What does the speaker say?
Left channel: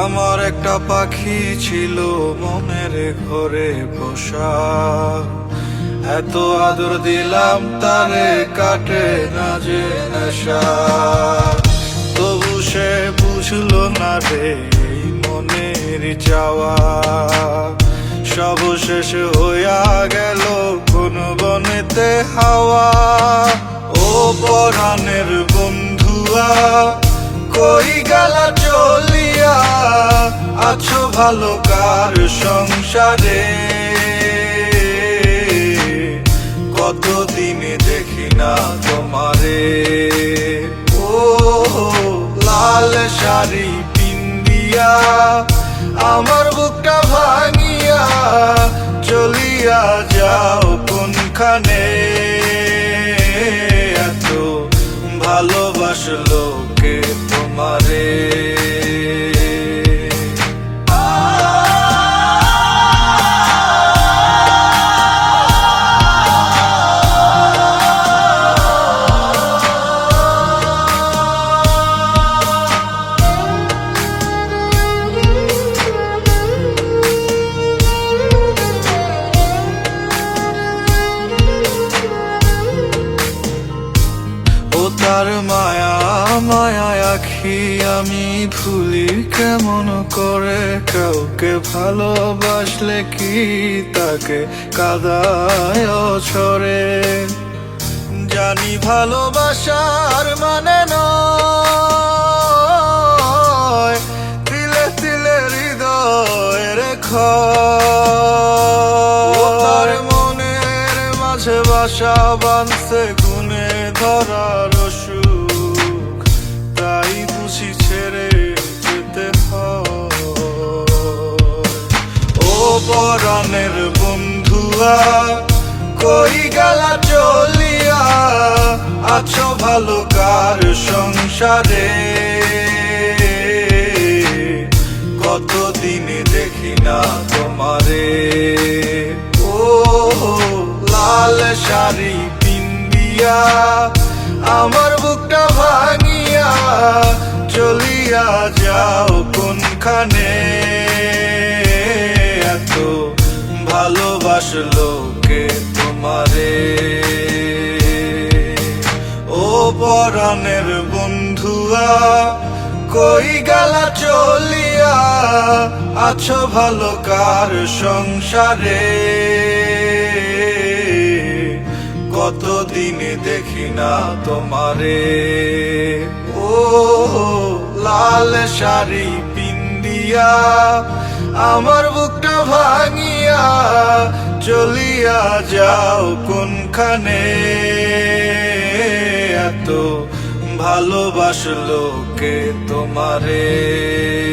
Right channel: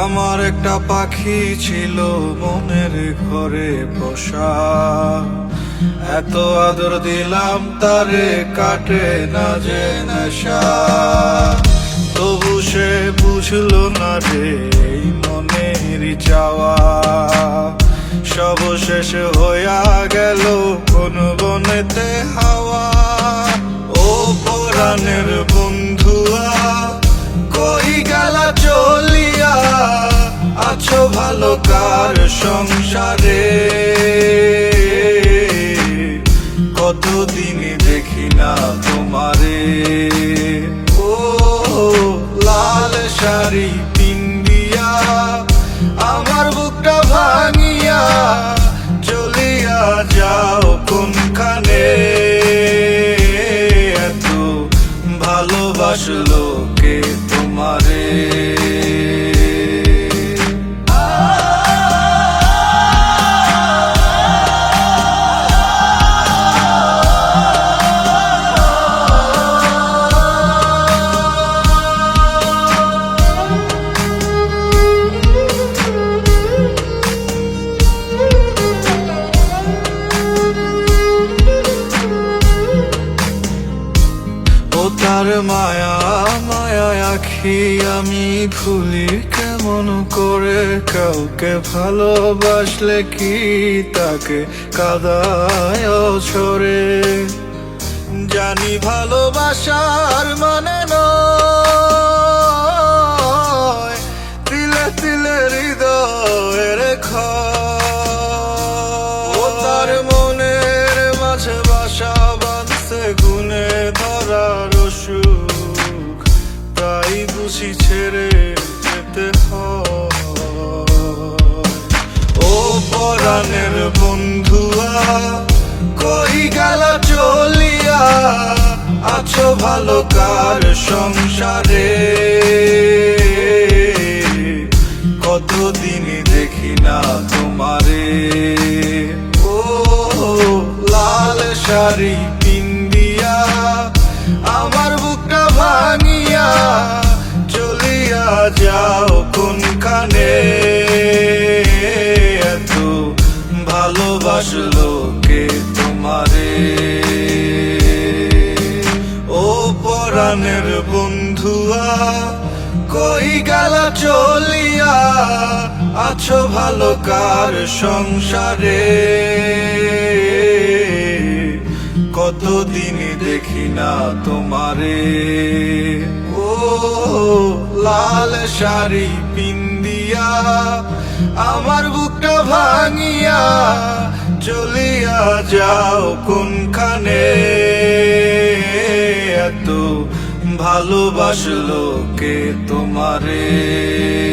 আমার একটা পাখি ছিল মনের ঘরে বসা। এত আদর দিলাম তারে, কাটে না যে নেশা। তবু সে বুঝলো না রে, এই মনের চাওয়া। সব শেষ হইয়া গেল ভালো কার সংসারে? কতদিনে দেখি না তোমারে? ও, লাল শাড়ি পিন্দিয়া আমার বুকটা ভাঙিয়া চলিয়া যাও কোনখানে? এত ভালোবাসলো কে তোমারে? তার মায়া মায়া আখি আমি ভুলি কেমন করে? কাউকে ভালোবাসলে কি তাকে কাদায় ছড়ে জানি ভালোবাসার মানে নয়, তিলে তিলে হৃদয়ের তার মনের মাঝে বাসা বাঁধছে তাই ছেড়ে যেতে ও পরাণের বন্ধুয়া, কই গেলা চলিয়া? আছো ভালো কার সংসারে? কতদিন দেখি না তোমারে। ও লাল শাড়ি পিন্দিয়া আমার বুকটা ভাঙিয়া ভালোবাসলো কে তোমারে? ও পরাণের বন্ধুয়া, কই গেলা চলিয়া? আছো ভালো কার সংসারে? কতদিনে দেখি না তোমারে। ও লাল শাড়ি পিন্দিয়া আমার বুকটা ভাঙিয়া চলিয়া যাও কোনখানে? এত ভালোবাসলো কে তোমারে?